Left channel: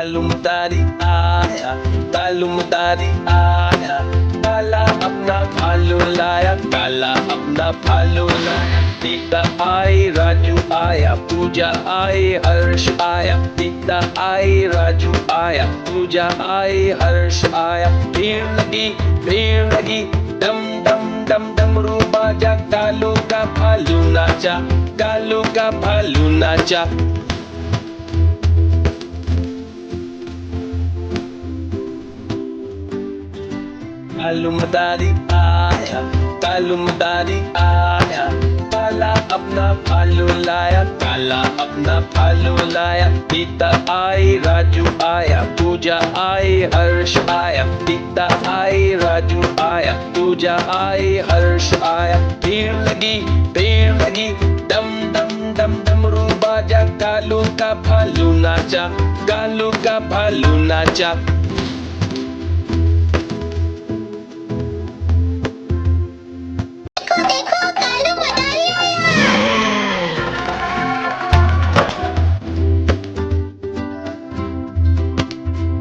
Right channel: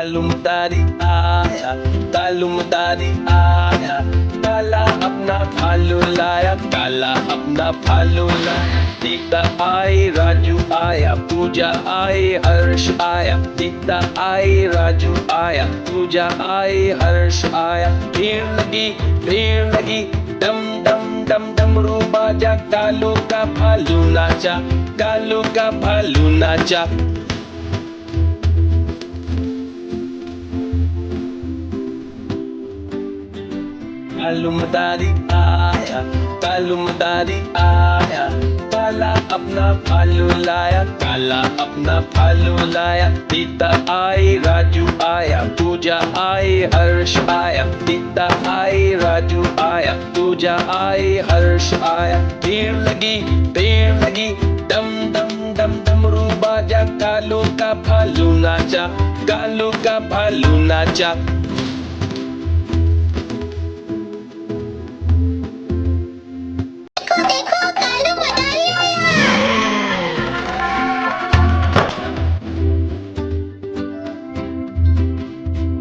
तालुमदारी आया, तालुमदारी आया, काला अपना भालू लाया, काला अपना भालू लाया। सीता आई, राजू आया, पूजा आई, हर्ष आया। सीता आई, राजू आया, पूजा आई, हर्ष आया। भीड़ लगी, डम डम डम डमरू बाजा, कालू का भालू नाचा, कालू का भालू नाचा। तालुमदारी आया, तालुमदारी आया, काला अपना भालू लाया, काला अपना भालू लाया। सीता आई, राजू आया, पूजा आई, हर्ष आया। सीता आई, राजू आया, पूजा आई, हर्ष आया। भीड़ लगी, डम डम डम डमरू बाजा, कालू का भालू नाचा, कालू का भालू नाचा।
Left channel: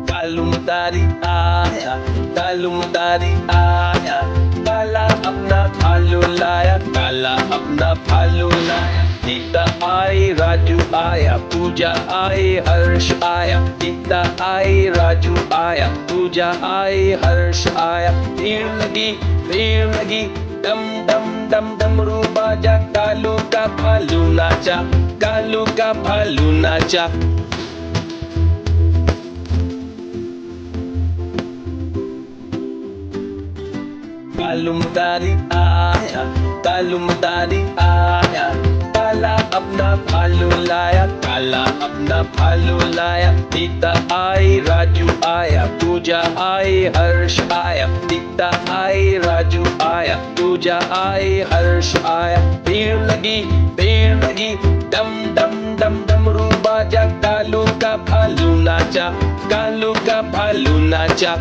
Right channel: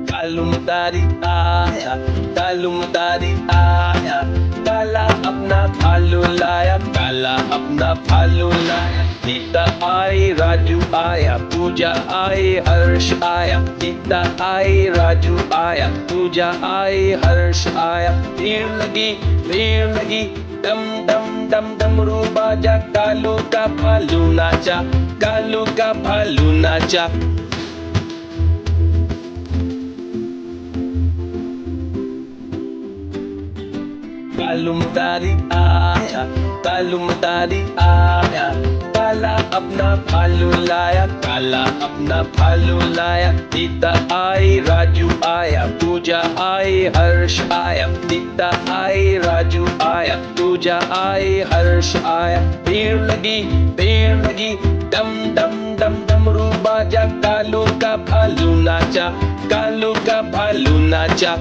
तालुमदारी आया, तालुमदारी आया, काला अपना भालू लाया, काला अपना भालू लाया। सीता आई, राजू आया, पूजा आई, हर्ष आया। सीता आई, राजू आया, पूजा आई, हर्ष आया। भीड़ लगी, डम डम डम डमरू बाजा, कालू का भालू नाचा, कालू का भालू नाचा। तालुमदारी आया, तालुमदारी आया, काला अपना भालू लाया, काला अपना भालू लाया। सीता आई, राजू आया, पूजा आई, हर्ष आया। सीता आई, राजू आया, पूजा आई, हर्ष आया। भीड़ लगी, डम डम डम डमरू बाजा, कालू का भालू नाचा, कालू का भालू नाचा।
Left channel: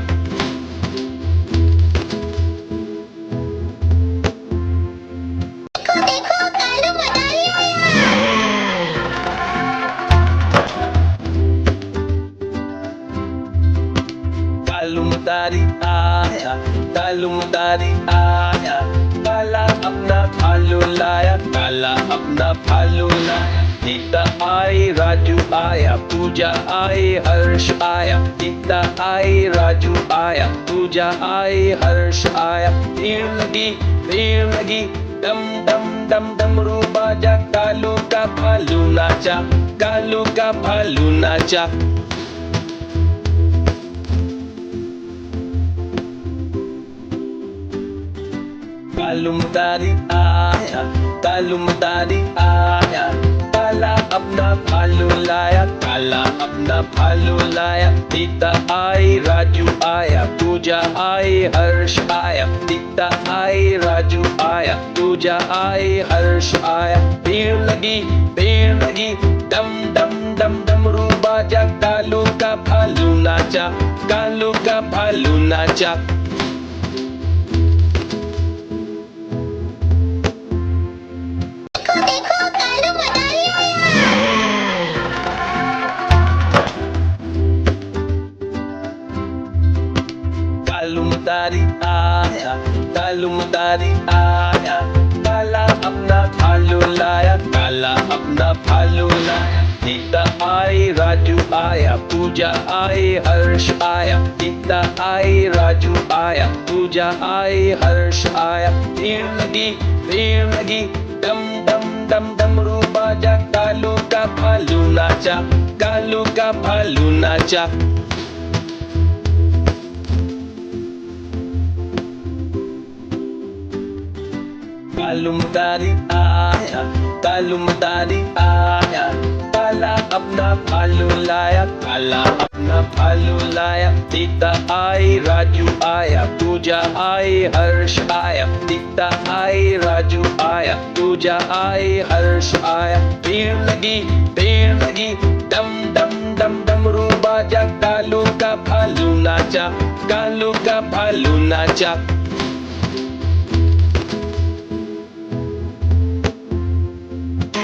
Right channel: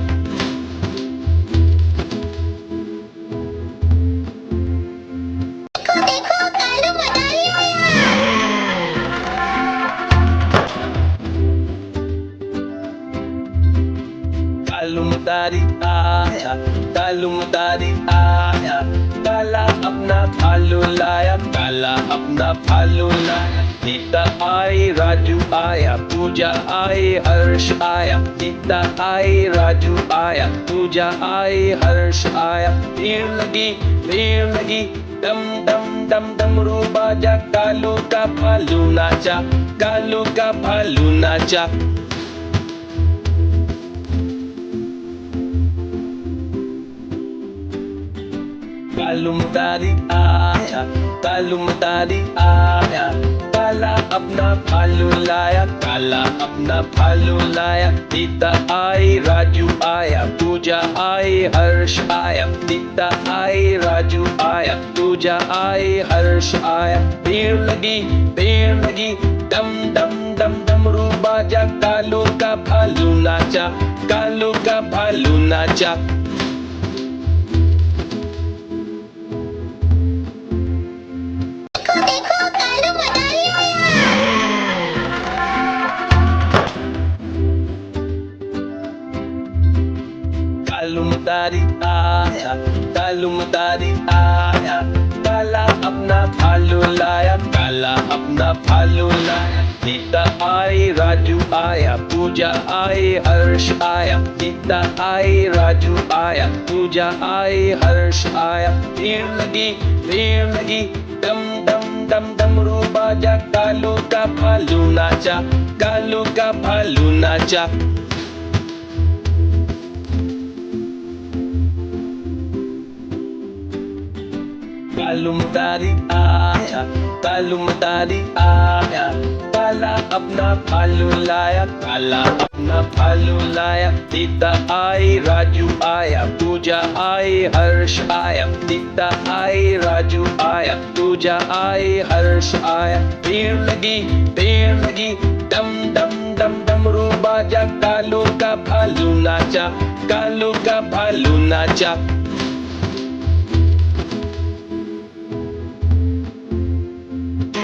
तालुमदारी आया, तालुमदारी आया, काला अपना भालू लाया, काला अपना भालू लाया। सीता आई, राजू आया, पूजा आई, हर्ष आया। सीता आई, राजू आया, पूजा आई, हर्ष आया। भीड़ लगी, डम डम डम डमरू बाजा, कालू का भालू नाचा, कालू का भालू नाचा। तालुमदारी आया, तालुमदारी आया, काला अपना भालू लाया, काला अपना भालू लाया। सीता आई, राजू आया, पूजा आई, हर्ष आया। सीता आई, राजू आया, पूजा आई, हर्ष आया। भीड़ लगी, डम डम डम डमरू बाजा, कालू का भालू नाचा, कालू का भालू नाचा। तालुमदारी आया, तालुमदारी आया, काला अपना भालू लाया, काला अपना भालू लाया। सीता आई, राजू आया, पूजा आई, हर्ष आया। सीता आई, राजू आया, पूजा आई, हर्ष आया। भीड़ लगी, डम डम डम डमरू बाजा, कालू का भालू नाचा, कालू का भालू नाचा। तालुमदारी आया, तालुमदारी आया, काला अपना भालू लाया, काला अपना भालू लाया। सीता आई, राजू आया, पूजा आई, हर्ष आया। सीता आई, राजू आया, पूजा आई, हर्ष आया। भीड़ लगी, डम डम डम डमरू बाजा, कालू का भालू नाचा, कालू का भालू नाचा।